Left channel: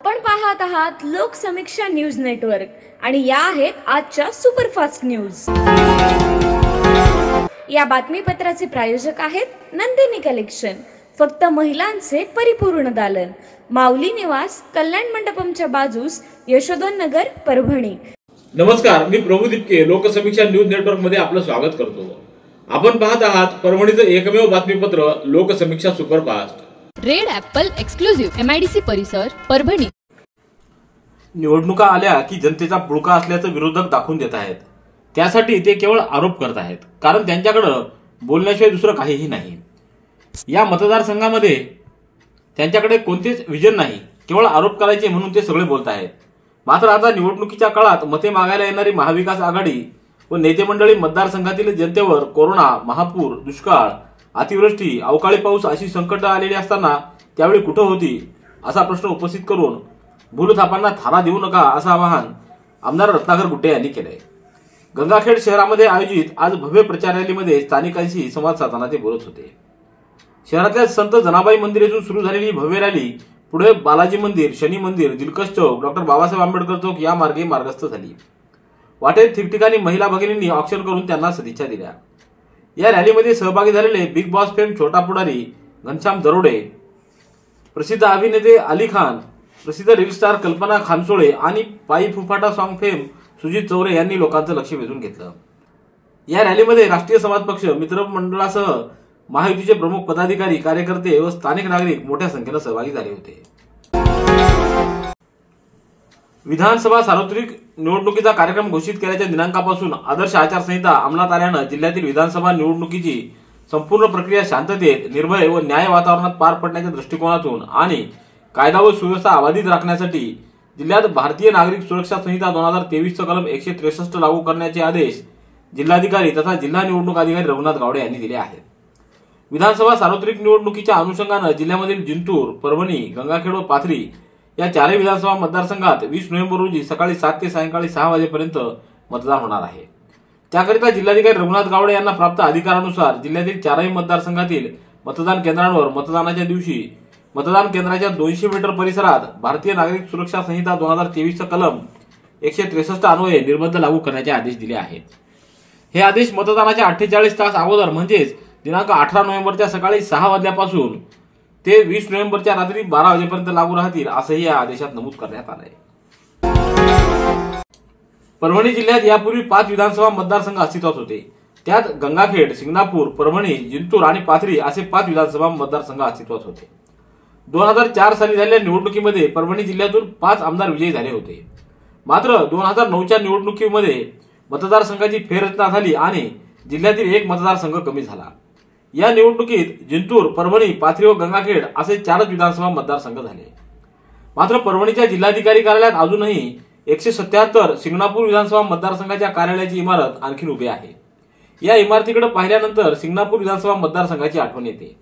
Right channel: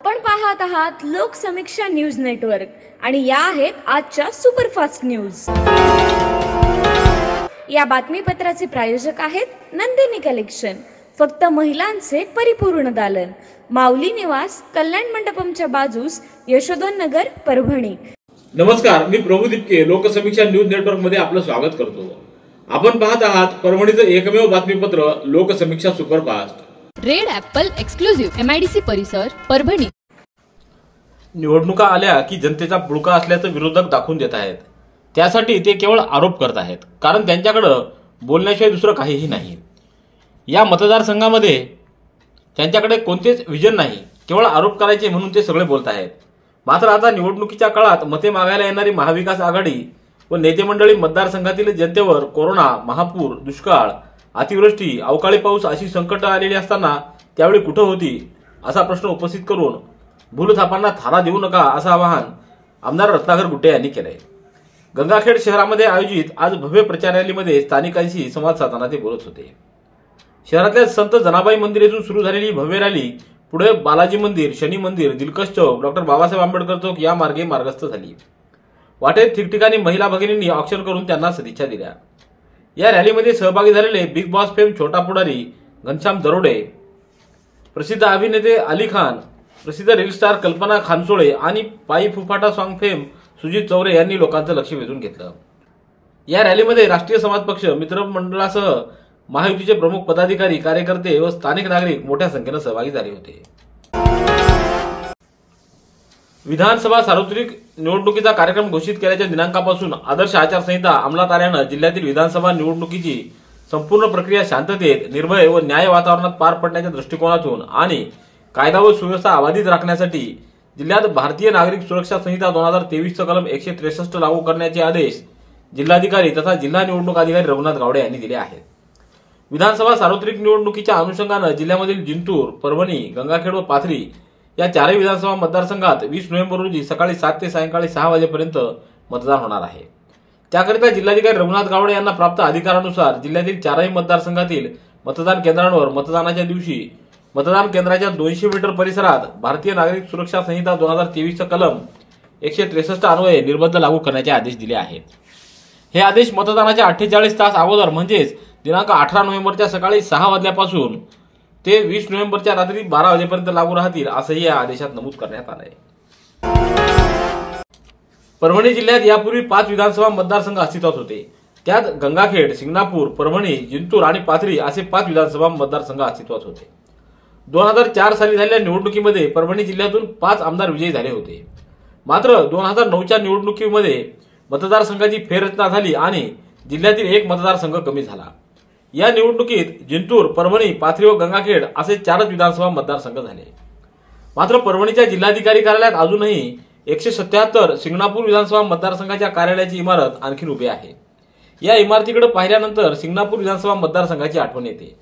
आपण पाहत आहात लोकसमीक्षा न्यूज नेटवर्क आणि या आहेत आजच्या सुपरफास्ट न्यूज। या बातमीपत्राचे प्रायोजक आहेत नंदिनी कलेक्शन, फक्त महिलांचे परिपूर्ण दालन, माऊली निवास, कल्याण मंडपमच्या बाजूस, यशोधन नगर, परभणी। नमस्कार, मी प्रभू दिपके लोकसमीक्षा न्यूज नेटवर्क मध्ये आपलं स्वागत करतो। आपण पाहत आहात परभणीचं एकमेव बातमीपत्र Loksamiksha superfast. Red Apple exclusive MIDC परिसर, परभणी। निवडणुका आल्या की जनतेचा पुळका असल्याचं विरोधक दाखवून देत आहेत। त्यासाठी ते केवळ आरोप करत आहेत, कारण त्यांच्याकडे बोलण्याशिवाय दुसरं काहीही नाही। या मतदारसंघामध्ये त्यांच्याकडे कोणतेच विजन नाही, केवळ आरोप करायचे म्हणून ते सगळे बोलत आहेत। मात्र आता निवडणुकीच्या काळात मते मागायला येणारी महाविकास आघाडी व नेते मंडळी मतदारसंघातील जनतेवर कोरोना, महापूर, दुष्काळ, अतिवृष्टी, अवकाळी पाऊस अशी संकट आलेली असताना त्यावेळी कुठे होती असा प्रश्न उपस्थित करून भूलथापांना थारा देऊ नका असं आवाहन आमदार रत्नाकर गुट्टे यांनी केलंय। गंगाखेड शहरामध्ये आयोजित आज भव्य प्रचार रॅलीमध्ये स्थानिकांशी संवाद साधताना ते बोलत होते। शहरातल्या संत जनाबाई मंदिर येथून सुरू झालेली भव्य रॅली पुढे बालाजी मंदिर, शनी मंदिर, दिलकश चौक, डॉक्टर बाबासाहेब आंबेडकर चौक या मार्गे मार्गस्थ झाली। वाटेत ठिकठिकाणी महिला भगिनींनी अक्षर करून त्यांना सदिच्छा दिल्या। या रॅलीमध्ये सहभागी झालेले बिग बॉस फेम छोटा पुढारी घनश्याम दरोडे, प्रसिद्ध अभिनेते अली खान, प्रसिद्ध रील स्टार कल्पना खानसोळे आणि पायी फुफाटा सॉन्ग फेम सुजित चौरे यांनी लोकांचं लक्ष वेधून घेतलं। या रॅलीमध्ये राष्ट्रीय समाज पक्ष, मित्र मंडळासह महायुतीचे प्रमुख पदाधिकारी, कार्यकर्ते व स्थानिक नागरिक मोठ्या संख्येनं सहभागी झाले होते। विधानसभा सार्वत्रिक निवडणुकीचा कार्यक्रम घोषित केल्याच्या दिनांकापासून आदर्श आचारसंहिता अंमलात आल्यानं जिल्ह्यातील विधानसभा निवडणुकीची संपूर्ण प्रक्रिया शांततेत, निर्भय व न्याय वातावरणात पार पडण्याच्या दृष्टिकोनातून आणि कायदा व सुव्यवस्था अबाधित राखण्यासाठी जिल्ह्यात भारतीय नागरिक सुरक्षा संहिता 2023 चा कलम 163 लागू करण्याचे आदेश जिल्हाधिकारी तथा जिल्हा निवडणूक अधिकारी रघुनाथ गावडे यांनी दिले आहेत। विधानसभा सार्वत्रिक निवडणुकीच्या अनुषंगानं जिल्ह्यामधील जिंतूर, परभणी, गंगाखेड व पाथरी या चारही विधानसभा मतदारसंघात 20 नोव्हेंबर रोजी सकाळी 7 ते सायंकाळी 6 वाजेपर्यंत मतदान होणार आहे। त्याकरिता जिल्हाधिकारी रघुनाथ गावडे यांना प्राप्त अधिकारानुसार जिल्ह्यातील चारही मतदारसंघातील मतदान केंद्रांवर मतदानाच्या दिवशी मतदान केंद्राच्या 200 मीटर परिसरात भारतीय नागरिक सुरक्षा संहिता 2023 चा कलम 163 अन्वये निर्बंध लागू करण्याचे आदेश दिले आहेत। हे आदेश मतदानाच्या 48 तास अगोदर म्हणजेच दिनांक 18 नोव्हेंबरच्या सकाळी 6 वाजल्यापासून ते 20 नोव्हेंबरच्या रात्री 12 वाजेपर्यंत लागू राहतील असंही या आदेशात नमूद करण्यात आलंय। परभणी जिल्ह्यात यापूर्वी 5 विधानसभा मतदारसंघ अस्तित्वात होते। त्यात गंगाखेड, सिंगणापूर, परभणी, जिंतूर आणि पाथरी असे 5 विधानसभा मतदारसंघ अस्तित्वात होते। 2004 साली झालेल्या निवडणुकीमध्ये परभणी जिल्ह्यातून 5 आमदार विजयी झाले होते। मात्र 2009च्या निवडणुकीमध्ये मतदारसंघाची फेररचना झाली आणि जिल्ह्यातील एक मतदारसंघ कमी झाला। या निवडणुकीत जिंतूर, परभणी, पाथरी व गंगाखेड असे 4 विधानसभा मतदारसंघ झाले। मात्र परभणीच्या जिल्हाधिकारी कार्यालयात अजूनही 177 सिंगणापूर विधानसभा मतदारसंघाच्या कार्यालयाची इमारत आणखी उभी आहे। या इमारतीकडे पाहिल्यानंतर सिंगणापूर विधानसभा मतदारसंघाची आठवण येते।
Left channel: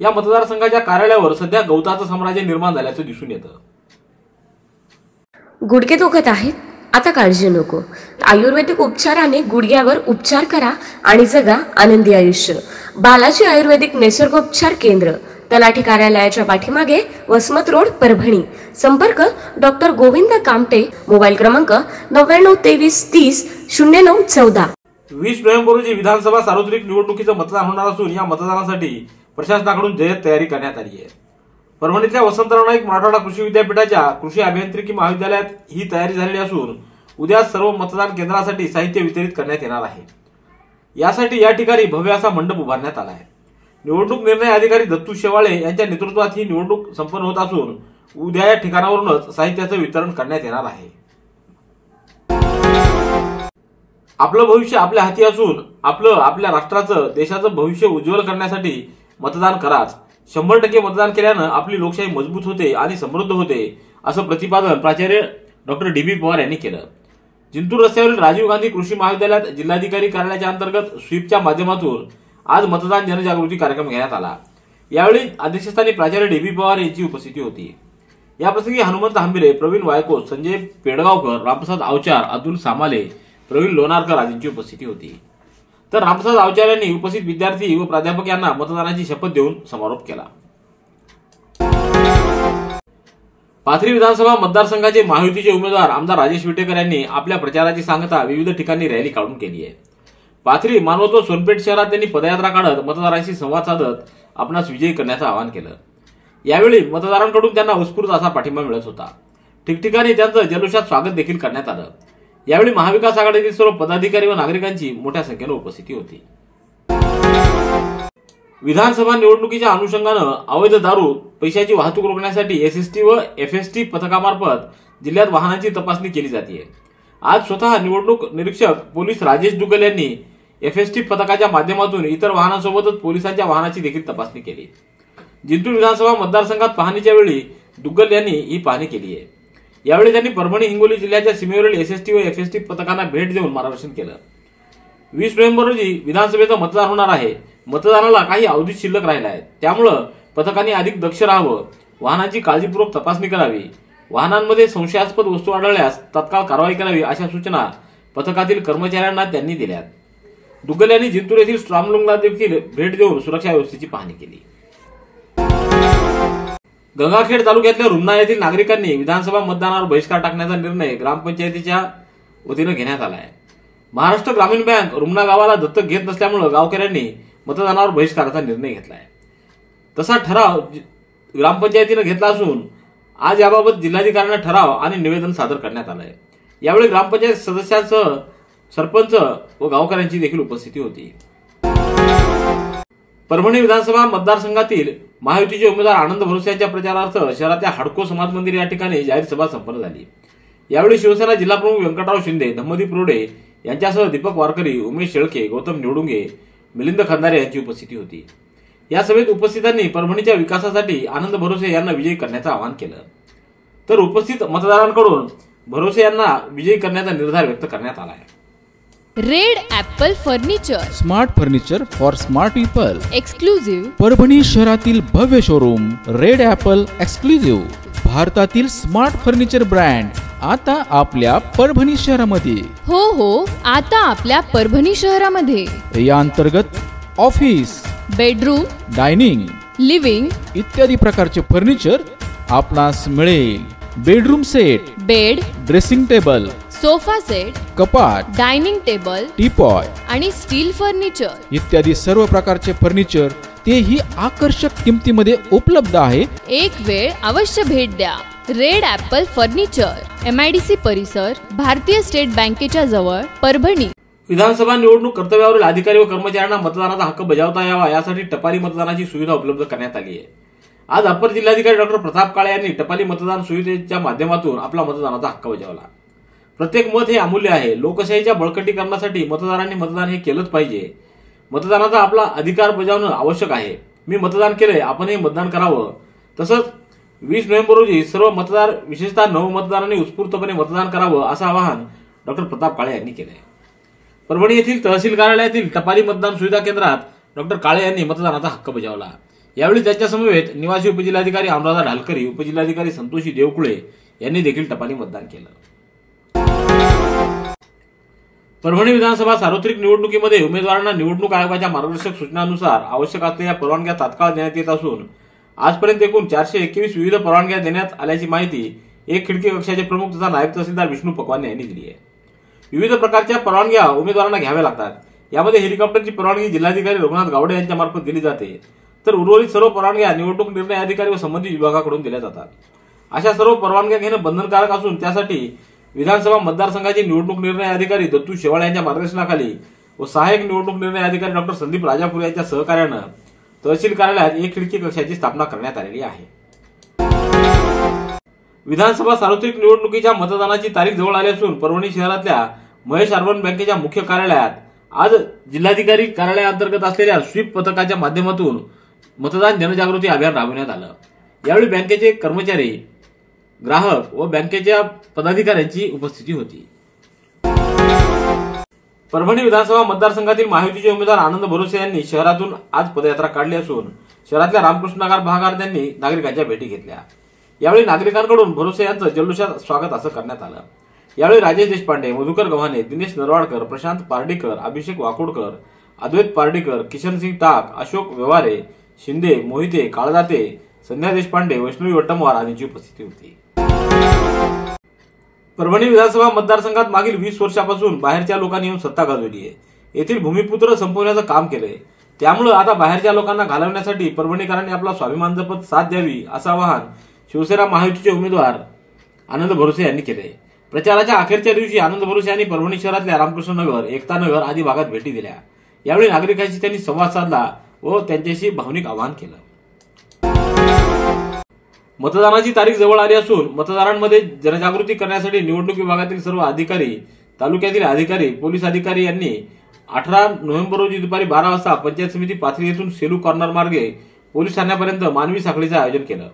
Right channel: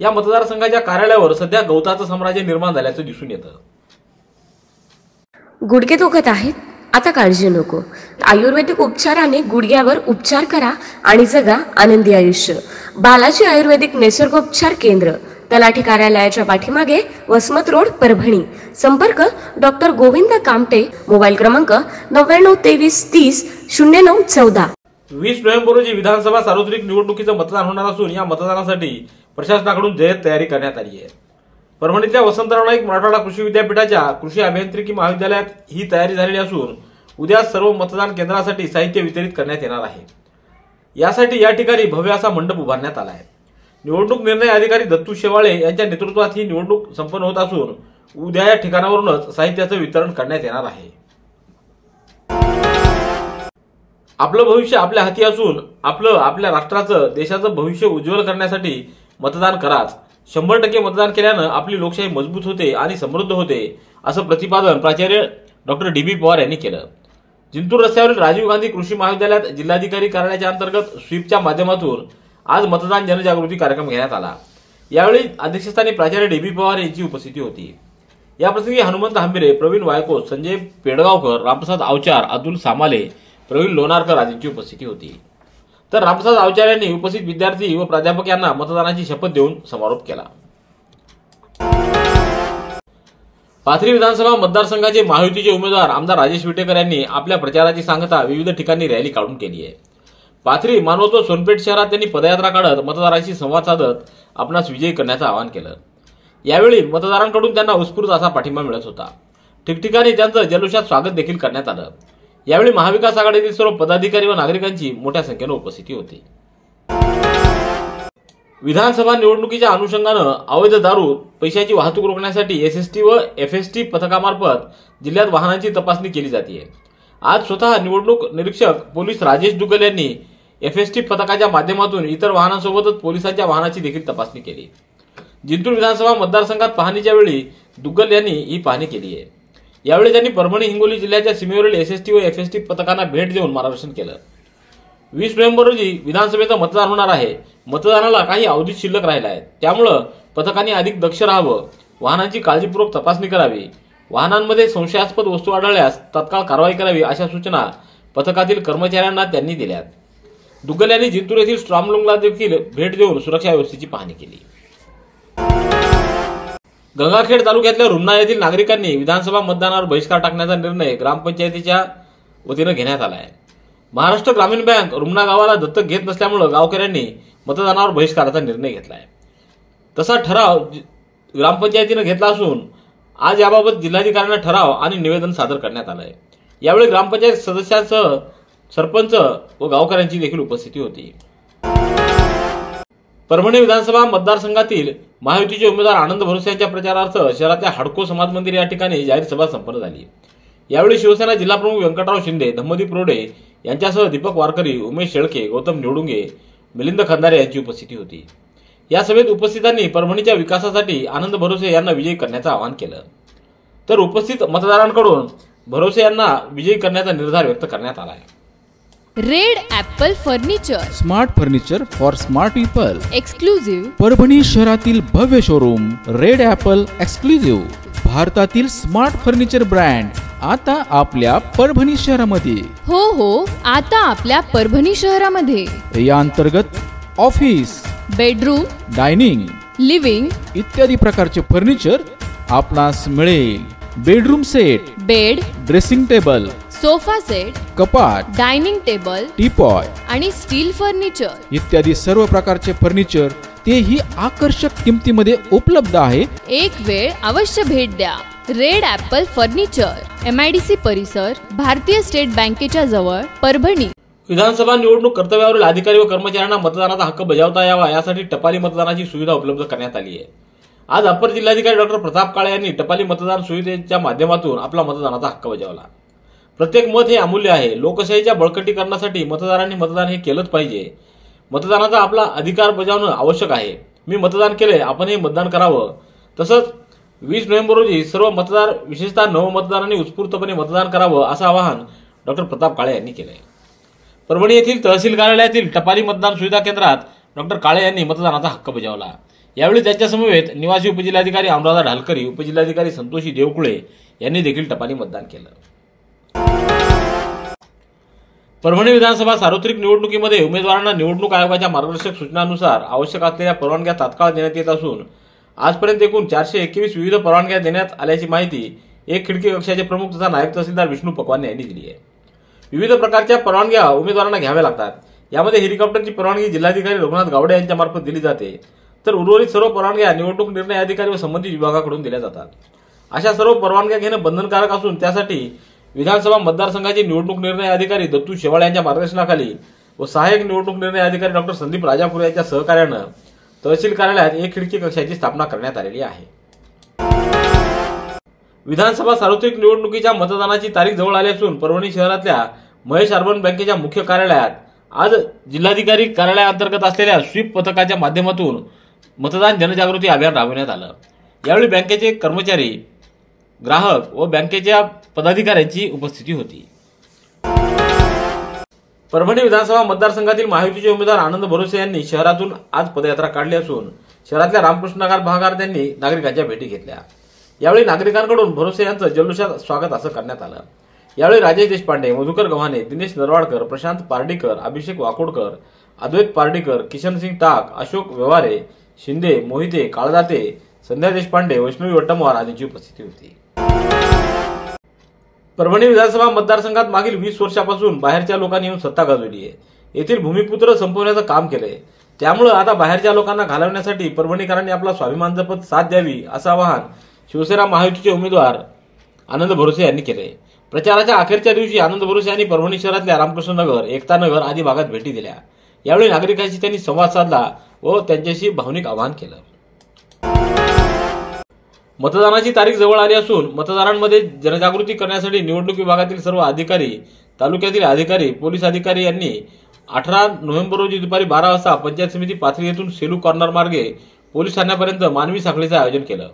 या मतदारसंघाच्या कार्यालयावर सध्या गवताचं साम्राज्य निर्माण झाल्याचं दिसून येतं। गुडघे दुखत आहेत, आता काळजी नको। आयुर्वेदिक उपचाराने गुडघ्यावर उपचार करा आणि जगा आनंदी आयुष्य। बालाजी आयुर्वेदिक निसर्गोपचार केंद्र, तलाठी कार्यालयाच्या पाठीमागे, वसमत रोड, परभणी। संपर्क डॉक्टर गोविंद कामटे, मोबाईल क्रमांक 9923300914। 20 नोव्हेंबर रोजी विधानसभा सार्वत्रिक निवडणुकीचं मतदान होणार असून या मतदानासाठी प्रशासनाकडून जय्यत तयारी करण्यात आली आहे। परभणीतल्या वसंतराव नाईक मराठवाडा कृषी विद्यापीठाच्या कृषी अभियांत्रिकी महाविद्यालयात ही तयारी झालेली असून उद्या सर्व मतदान केंद्रासाठी साहित्य वितरित करण्यात येणार आहे। यासाठी या ठिकाणी भव्य असा मंडप उभारण्यात आला आहे। निवडणूक निर्णय अधिकारी दत्तू शेवाळे यांच्या नेतृत्वात ही निवडणूक संपन्न होत असून उद्या या ठिकाणावरूनच साहित्याचं वितरण करण्यात येणार आहे। आपलं भविष्य आपल्या हाती असून आपल्या राष्ट्राचं, देशाचं भविष्य उज्ज्वल करण्यासाठी मतदान कराच। 100% मतदान केल्यानं आपली लोकशाही मजबूत होते आणि समृद्ध होते असं प्रतिपादन प्राचार्य डॉक्टर DB पवार यांनी केलं। जिंतूर रस्त्यावरील राजीव गांधी कृषी महाविद्यालयात जिल्हाधिकारी कार्यालयाच्या अंतर्गत स्वीपच्या माध्यमातून आज मतदान जनजागृती कार्यक्रम घेण्यात आला। यावेळी अध्यक्षस्थानी प्राचार्य DB पवार यांची उपस्थिती होती। याप्रसंगी हनुमंत हंबिरे, प्रवीण वायकोस, संजय पेडगावकर, रामप्रसाद आवचार, अब्दुल सामाले, प्रवीण लोणारकर आदींची उपस्थिती होती। तर रामप्रसाद आवचार यांनी उपस्थित विद्यार्थी व प्राध्यापक यांना मतदानाची शपथ देऊन समारोप केला। पाथरी विधानसभा मतदारसंघाचे महायुतीचे उमेदवार आमदार राजेश विटेकर यांनी आपल्या प्रचाराची सांगता विविध ठिकाणी रॅली काढून केली आहे. पाथरी, मानवत व सोनपेठ शहरात त्यांनी पदयात्रा काढत मतदारांशी संवाद साधत आपणास विजयी करण्याचं आवाहन केलं. यावेळी मतदारांकडून त्यांना उत्स्फूर्त असा पाठिंबा मिळत होता. ठिकठिकाणी त्यांचं जल्लोषात स्वागत देखील करण्यात आलं. यावेळी महाविकास आघाडीतील सर्व पदाधिकारी व नागरिकांची मोठ्या संख्येने उपस्थिती होती. विधानसभा निवडणुकीच्या अनुषंगानं अवैध दारू, पैशाची वाहतूक रोखण्यासाठी एसएसटी व एफएसटी पथकामार्फत जिल्ह्यात वाहनांची तपासणी केली जाते. आज स्वतः निवडणूक निरीक्षक पोलीस राजेश दुग्गल यांनी एफएसटी पथकाच्या माध्यमातून इतर वाहनांसोबतच पोलिसांच्या वाहनाची देखील तपासणी केली. जिंतूर विधानसभा मतदारसंघात पाहणीच्या वेळी दुग्गल यांनी ही पाहणी केली आहे. यावेळी त्यांनी परभणी हिंगोली जिल्ह्याच्या सीमेवरील एसएसटी व एफएसटी पथकांना भेट देऊन मार्गदर्शन केलं. 20 नोव्हेंबर रोजी विधानसभेचं मतदान होणार आहे. मतदानाला काही अवधी शिल्लक राहिला आहे. त्यामुळं पथकांनी अधिक दक्ष राहावं, वाहनांची काळजीपूर्वक तपासणी करावी, वाहनांमध्ये संशयास्पद वस्तू आढळल्यास तात्काळ कारवाई करावी अशा सूचना पथकातील कर्मचाऱ्यांना त्यांनी दिल्यात. दुग्गल यांनी जिंतूर येथील स्ट्रॉंगरूमला देखील भेट देऊन सुरक्षा व्यवस्थेची पाहणी केली. गंगाखेड तालुक्यातल्या रुमना येथील नागरिकांनी विधानसभा मतदानावर बहिष्कार टाकण्याचा निर्णय ग्रामपंचायतीच्या वतीनं घेण्यात आला आहे. महाराष्ट्र ग्रामीण बँक रुमना गावाला दत्तक घेत नसल्यामुळे गावकऱ्यांनी मतदानावर बहिष्काराचा निर्णय घेतला आहे. तसा ठराव ग्रामपंचायतीनं घेतला असून आज याबाबत जिल्हाधिकाऱ्यांना ठराव आणि निवेदन सादर करण्यात आलं आहे. यावेळी ग्रामपंचायत सदस्यांसह सरपंच व गावकऱ्यांची देखील उपस्थिती होती. परभणी विधानसभा मतदारसंघातील महायुतीचे उमेदवार आनंद भरोसे यांच्या प्रचारार्थ शहरातल्या हडको समाज मंदिर या ठिकाणी जाहीर सभा संपन्न झाली. यावेळी शिवसेना जिल्हाप्रमुख व्यंकटराव शिंदे, धम्मदीप रोडे यांच्यासह दीपक वारकरी, उमेश शेळके, गौतम निवडुंगे, मिलिंद खंदारे यांची उपस्थिती होती. या सभेत उपस्थितांनी परभणीच्या विकासासाठी आनंद भरोसे यांना विजयी करण्याचं आवाहन केलं. तर उपस्थित मतदारांकडून भरोसे यांना विजयी करण्याचा निर्धार व्यक्त करण्यात आला आहे. Red Apple furniture, smart furniture for smart people. Exclusive Parbhani शहरातील भव्य शोरूम रेड ॲपल एक्सक्लुझिव्ह, भारतातील स्मार्ट फर्निचर ब्रँड आता आपल्या परभणी शहरामध्ये. हो, आता आपल्या परभणी शहरामध्ये. या अंतर्गत ऑफिस, बेडरूम, डायनिंग, लिव्हिंग इत्यादी प्रकारचे फर्निचर आपणास मिळेल. Bedroom set, bed, dressing table, sofa set, कपाट, डायनिंग टेबल, टीपॉय आणि स्टील फर्निचर इत्यादी सर्व प्रकारचे फर्निचर तेही आकर्षक किमतीमध्ये उपलब्ध आहे. एक वेळ अवश्य भेट द्या. रेड ॲपल फर्निचर, MIDC परिसर, भारतीय स्टेट बँकेच्या जवळ, परभणी. विधानसभा निवडणूक कर्तव्यावरील अधिकारी व कर्मचाऱ्यांना मतदानाचा हक्क बजावता यावा यासाठी टपाली मतदानाची सुविधा उपलब्ध करण्यात आली आहे. आज अपर जिल्हाधिकारी डॉक्टर प्रताप काळे यांनी टपाली मतदान सुविधेच्या माध्यमातून आपला मतदानाचा हक्क बजावला. प्रत्येक मत हे अमूल्य आहे. लोकशाहीच्या बळकटीकरणासाठी मतदारांनी मतदान हे केलंच पाहिजे. मतदानाचा आपला अधिकार बजावणं आवश्यक आहे. मी मतदान केलंय, आपणही मतदान करावं. तसंच 20 नोव्हेंबर रोजी सर्व मतदार, विशेषतः नवमतदारांनी उत्स्फूर्तपणे मतदान करावं असं आवाहन डॉक्टर प्रताप काळे यांनी केलंय. परभणी येथील तहसील कार्यालयातील टपाली मतदान सुविधा केंद्रात डॉक्टर काळे यांनी मतदानाचा हक्क बजावला. यावेळी त्यांच्या समवेत निवासी उपजिल्हाधिकारी अनुराधा ढालकरी, उपजिल्हाधिकारी संतोषी देवकुळे यांनी देखील टपाली मतदान केलं. परभणी विधानसभा सार्वत्रिक निवडणुकीमध्ये उमेदवारांना निवडणूक आयोगाच्या मार्गदर्शक सूचनांनुसार आवश्यक असलेल्या परवानग्या तात्काळ देण्यात येत असून आजपर्यंत एकूण 421 विविध परवानग्या देण्यात आल्याची माहिती एक खिडकी कक्षाचे प्रमुख तथा नायब तहसीलदार विष्णू पकवाने यांनी दिली आहे. विविध प्रकारच्या परवानग्या उमेदवारांना घ्याव्या लागतात. यामध्ये हेलिकॉप्टरची परवानगी जिल्हाधिकारी रघुनाथ गावडे यांच्या मार्फत दिली जाते. तर उर्वरित सर्व परवानग्या निवडणूक निर्णय अधिकारी व संबंधित विभागाकडून दिल्या जातात. अशा सर्व परवानग्या घेणं बंधनकारक असून त्यासाठी विधानसभा मतदारसंघाचे निवडणूक निर्णय अधिकारी दत्तू शेवाळ यांच्या मार्गदर्शनाखाली व सहाय्यक निवडणूक निर्णय अधिकारी डॉक्टर संदीप राजापूर यांच्या सहकार्यानं तहसील कार्यालयात एक खिडकी कक्षाची स्थापना करण्यात आलेली आहे. विधानसभा सार्वत्रिक निवडणुकीच्या मतदानाची तारीख जवळ आली असून परभणी शहरातल्या महेश अर्बन बँकेच्या मुख्य कार्यालयात आज जिल्हाधिकारी कार्यालयाअंतर्गत असलेल्या स्वीप पथकाच्या माध्यमातून मतदान जनजागृती अभियान राबवण्यात आलं. यावेळी बँकेचे कर्मचारी, ग्राहक व बँकेच्या पदाधिकाऱ्यांची उपस्थिती होती. परभणी विधानसभा मतदारसंघातील महायुतीचे उमेदवार आनंद भरोसे यांनी शहरातून आज पदयात्रा काढली असून शहरातल्या रामकृष्ण नगर भागात त्यांनी नागरिकांच्या भेटी घेतल्या. यावेळी नागरिकांकडून भरोसे यांचं जल्लोषात स्वागत असं करण्यात आलं. यावेळी राजेश देशपांडे, मधुकर गव्हाणे, दिनेश नरवाडकर, प्रशांत पार्डीकर, अभिषेक वाकोडकर, अद्वैत पार्डीकर, किशनसिंग टाक, अशोक व्यवहारे, शिंदे, मोहिते, काळदाते, संध्या देशपांडे, वैष्णवी वट्टमवार आदींची उपस्थिती होती. परभणी विधानसभा मतदारसंघात मागील 20 वर्षापासून बाहेरच्या लोकांनी येऊन सत्ता गाजवली आहे. येथील भूमिपुत्र संपवण्याचं काम केलंय. त्यामुळे आता बाहेरच्या लोकांना घालवण्यासाठी परभणीकरांनी आपला स्वाभिमान जपत साथ द्यावी असं आवाहन शिवसेना महायुतीचे उमेदवार आनंद भरोसे यांनी केले. प्रचाराच्या अखेरच्या दिवशी आनंद भरोसे यांनी परभणी शहरातल्या रामकृष्ण नगर, एकता नगर आदी भागात भेटी दिल्या. यावेळी नागरिकांशी त्यांनी संवाद साधला व त्यांच्याशी भावनिक आवाहन केलं. मतदानाची तारीख जवळ आली असून मतदारांमध्ये जनजागृती करण्यासाठी निवडणूक विभागातील सर्व अधिकारी, तालुक्यातील अधिकारी, पोलीस अधिकारी यांनी 18 नोव्हेंबर रोजी दुपारी 12 वाजता पंचायत समिती पाथरी येथून सेलू कॉर्नर मार्गे पोलीस ठाण्यापर्यंत मानवी साखळीचं आयोजन केलं.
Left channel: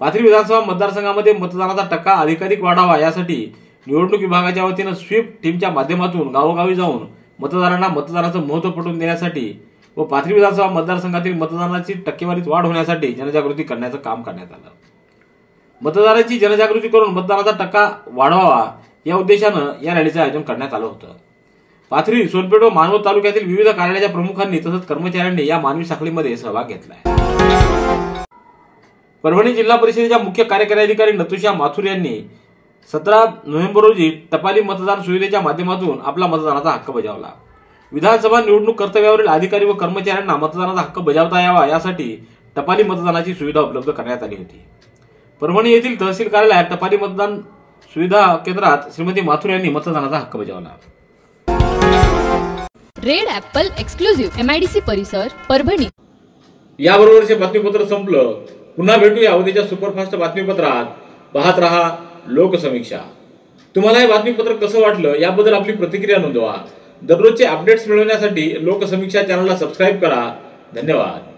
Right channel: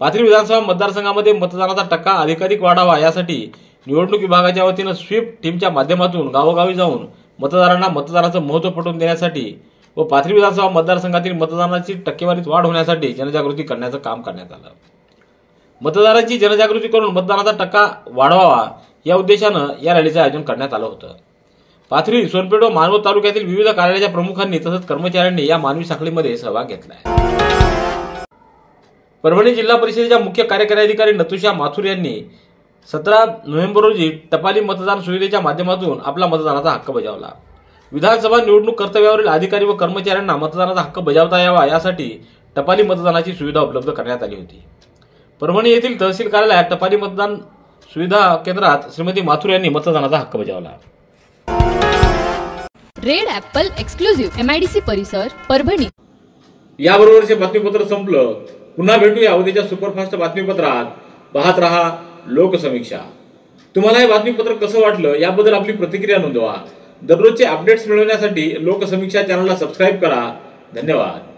पाथरी विधानसभा मतदारसंघामध्ये मतदानाचा टक्का अधिकाधिक वाढावा यासाठी निवडणूक विभागाच्या वतीनं स्वीप टीमच्या माध्यमातून गावोगावी जाऊन मतदारांना मतदानाचं महत्त्व पटवून देण्यासाठी व पाथरी विधानसभा मतदारसंघातील मतदानाची टक्केवारीत वाढ होण्यासाठी जनजागृती करण्याचं काम करण्यात आलं. मतदारांची जनजागृती करून मतदानाचा टक्का वाढवावा या उद्देशानं या रॅलीचं आयोजन करण्यात आलं होतं. पाथरी, सोनपेठ व मानवत तालुक्यातील विविध कार्यालयाच्या प्रमुखांनी तसंच कर्मचाऱ्यांनी या मानवी साखळीमध्ये सहभाग घेतलाय. परभणी जिल्हा परिषदेच्या मुख्य कार्यकारी अधिकारी नतुषा माथुर यांनी 17 नोव्हेंबर रोजी टपाली मतदान सुविधेच्या माध्यमातून आपला मतदानाचा हक्क बजावला. विधानसभा निवडणूक कर्तव्यावरील अधिकारी व कर्मचाऱ्यांना मतदानाचा हक्क बजावता यावा यासाठी टपाली मतदानाची सुविधा उपलब्ध करण्यात आली होती. परभणी येथील तहसील कार्यालयात टपाली मतदान सुविधा केंद्रात श्रीमती माथुर यांनी मतदानाचा हक्क बजावला. रेड ॲपल एक्सक्लुझिव्ह MIDC परिसर परभणी. याबरोबरचे बातमीपत्र संपलं. पुन्हा भेटूया उद्याच्या सुपरफास्ट बातमीपत्रात. पाहत रहा लोकसमीक्षा. तुम्हाला हे बातमीपत्र कसं वाटलं याबद्दल आपली प्रतिक्रिया नोंदवा. दररोजचे अपडेट्स मिळवण्यासाठी लोकसमीक्षा चॅनलला सबस्क्राईब करा. धन्यवाद.